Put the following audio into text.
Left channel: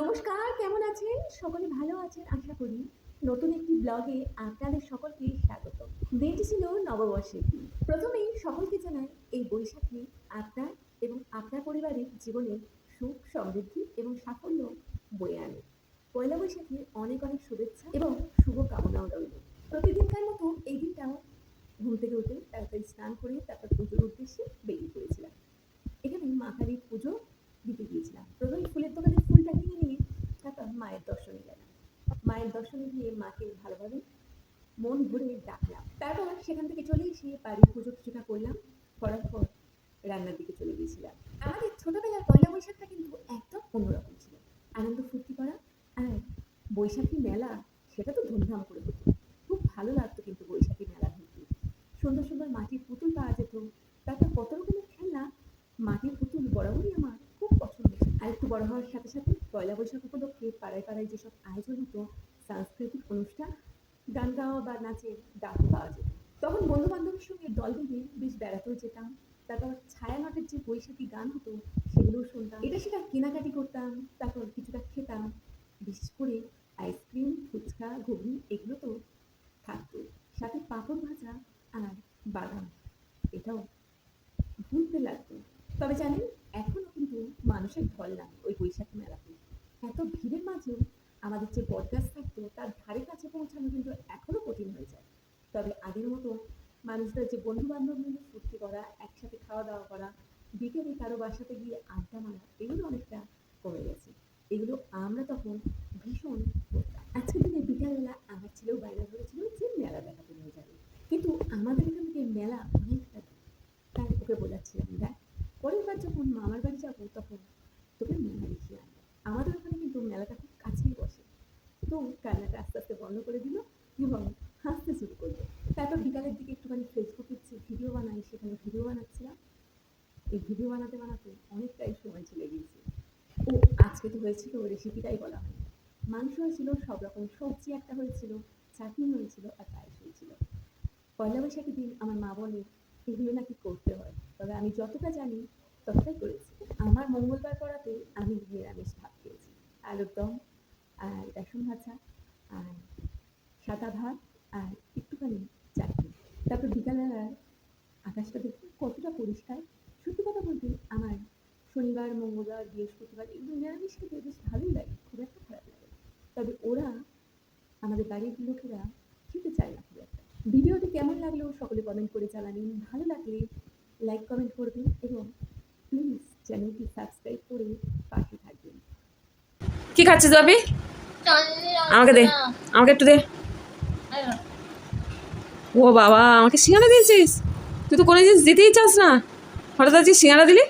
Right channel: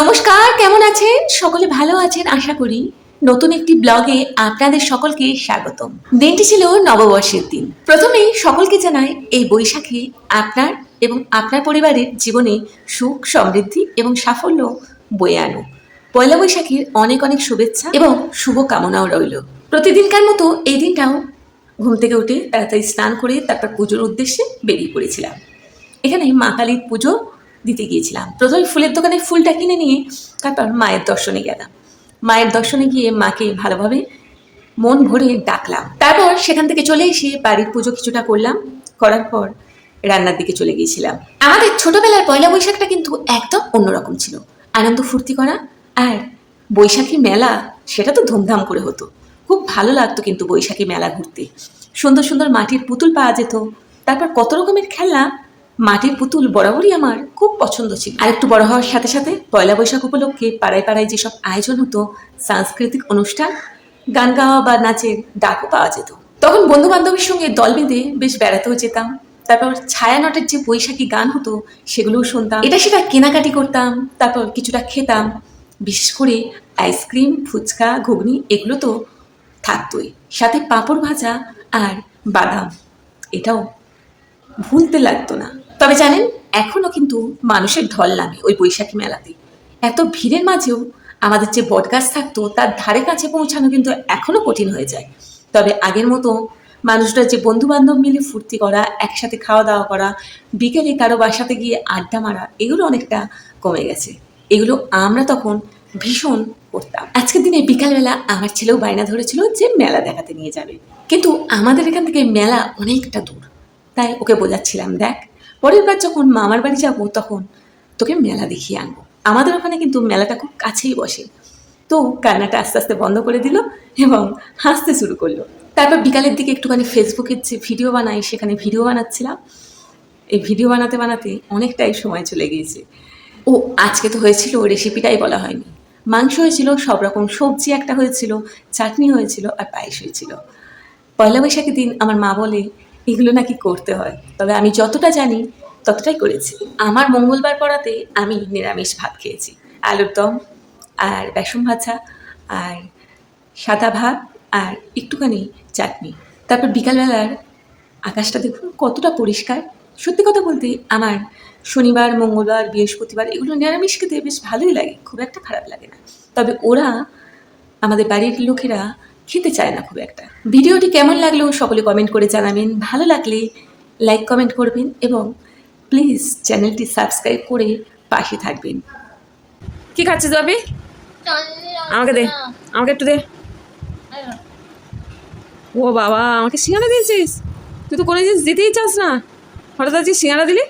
নমস্কার, কেমন আছেন? সকলে ভালো আছেন, আশা করি। নতুন একটি ব্লগে আপনাদের সকলকে স্বাগতম। দিনটি ছিল নববর্ষের দিন। প্রথমেই সকলকে জানাই, এই বৈশাখে আপনার এবং আপনার পরিবারের জীবনে সুখ, সমৃদ্ধি এবং সাফল্য বয়ে আনো। পয়লা বৈশাখের অনেক অনেক শুভেচ্ছা এবং শুভ কামনাও রইল। প্রতিদিনকার মতো এই দিনটাও ঘুম থেকে উঠে তাড়াতাড়ি স্নান করে তারপর পুজোর উদ্দেশ্যে বেরিয়ে পড়েছিলাম। এখানে মা কালীর পুজো দিতে গিয়েছিলাম। প্রথমে ফুলের দোকানে ফুলটা কিনে নিয়ে তারপর মায়ের দর্শনে গেলাম। মায়ের দর্শনে গিয়ে মাকে ভালোভাবে মন ভরে ডাকলাম। তারপর সেখান থেকে চলে এসে বাড়ির পুজো কিছুটা করলাম। করার পর রান্নার দিকে চলে গিয়েছিলাম। আমাদের ছোটবেলার পয়লা বৈশাখটা কিন্তু একদম অন্যরকম ছিল। আনন্দ ফুর্তি করা আর বৈশাখী মেলা, সেটা তো ধুমধাম করে হতো। খুব ভালো লাগতো কিন্তু বৈশাখী মেলা ঘুরতে। সুন্দর সুন্দর মাটির পুতুল পাওয়া যেত। তারপর কত রকমের খেলনা মাটির পুতুল বরাবরই আমার খুব পছন্দ ছিল। আর একটু বড় হওয়ার সাথে সাথে পয়লা বৈশাখ উপলক্ষে পাড়ায় পাড়ায় যেসব আয়োজন হতো, সাংস্কৃতিক অনুষ্ঠান, গান গাওয়া বা নাচের ডাকও পাওয়া যেত। তখন বন্ধু বান্ধবের সঙ্গে দল বেঁধে বেশ বেড়াতেও যেতাম। তারপর ছায়ানটের যে বৈশাখী গান হতো, সেগুলোও শুনতাম। এটা সেটা কেনাকাটি করতাম, তারপর কিছুটা খেতাম। বিশেষ করে আইসক্রিম, ফুচকা, ঘুগনি, এগুলো তো থাকতোই। সাথে পাঁপড় ভাজা আর বাদাম। এটাও ভুলতে লাগতো না। তবে জানেন এখনও কিন্তু মানুষের ঢল নামে ওই বৈশাখী মেলাতে। এত ভিড়ের মাঝেও আমাদের যে বটগাছ থাকতো, তার ধারে কাছে পৌঁছানো কিন্তু এখনও কঠিন হয়ে যায়। তবে আগের মতো মানুষরা যে বন্ধু বান্ধব মিলে ফুর্তি করা, একসাথে খাওয়া দাওয়া করা, বিকেলে কারও বাসাতে গিয়ে আড্ডা মারা, এগুলো অনেকটা কমে গেছে। এগুলো আমরা তখন ভীষণ করতাম। আজকের দিনে বিকালবেলা আমার ছেলেও বায়না ধরেছিল যে মেলা দেখাতে নিয়ে যাবে। কিন্তু আমাদের এখান থেকে মেলা অনেকটা দূর। তাই ওকে বোঝাচ্ছিলাম, দেখ, পরের বার যখন মামার বাড়ি যাব তখন তোকে মেলা দেখিয়ে আনব। আমাদের ওখানে কিন্তু মেলাটা খুব কাছেই বসে। তো কান্নাটা আস্তে আস্তে বন্ধ করে দিল এবং হাসতে শুরু করল। তারপর বিকালের দিকে একটুখানি ফেসবুকের যে ভিডিও বানাই, সেখানে ভিডিও বানাচ্ছিলাম। এই ভিডিও বানাতে বানাতে অনেকটাই সময় চলে গিয়েছে। ও, আজকে তো হয়েছিল রেসিপিটাই বলা হয়নি। মাংস হয়েছিল, সব রকম সবজি একটা হয়েছিল, চাটনি হয়েছিল আর পায়েস হয়েছিল। পয়লা বৈশাখের দিন আমার মা বলে এগুলো নাকি করতে হয়। তবে আমি যতটা জানি, ততটাই করেছি। আমার মঙ্গলবার পড়াতে আমি নিরামিষ ভাত খেয়েছি। আলুর দম, আর বেসন ভাজা, আর সাদা ভাত, আর একটুখানি চাটনি। তারপর বিকালবেলার আকাশটা দেখুন কতটা পরিষ্কার। সত্যি কথা বলতে আমার শনিবার, মঙ্গলবার, বৃহস্পতিবার এগুলো নিরামিষ খেতে বেশ ভালোই লাগে, খুব একটা খারাপ লাগে না। তবে ওরা, আমাদের বাড়ির লোকেরা খেতে চায় না খুব একটা। ভিডিওটি কেমন লাগল সকলে কমেন্ট করে জানাবেন। ভালো লাগলে লাইক কমেন্ট করবেন এবং প্লিজ চ্যানেলটি সাবস্ক্রাইব করে পাশে থাকবেন। কি খাচ্ছিস বাবি আমাকে দে আমাকে একটু দে। ও বাবা আমাকে সিঙ্গারা দিয়েছিস? তুই তো কোনো জিনিস দিতেই চাস না। হঠাৎ আজকে সিঙ্গারা দিলি?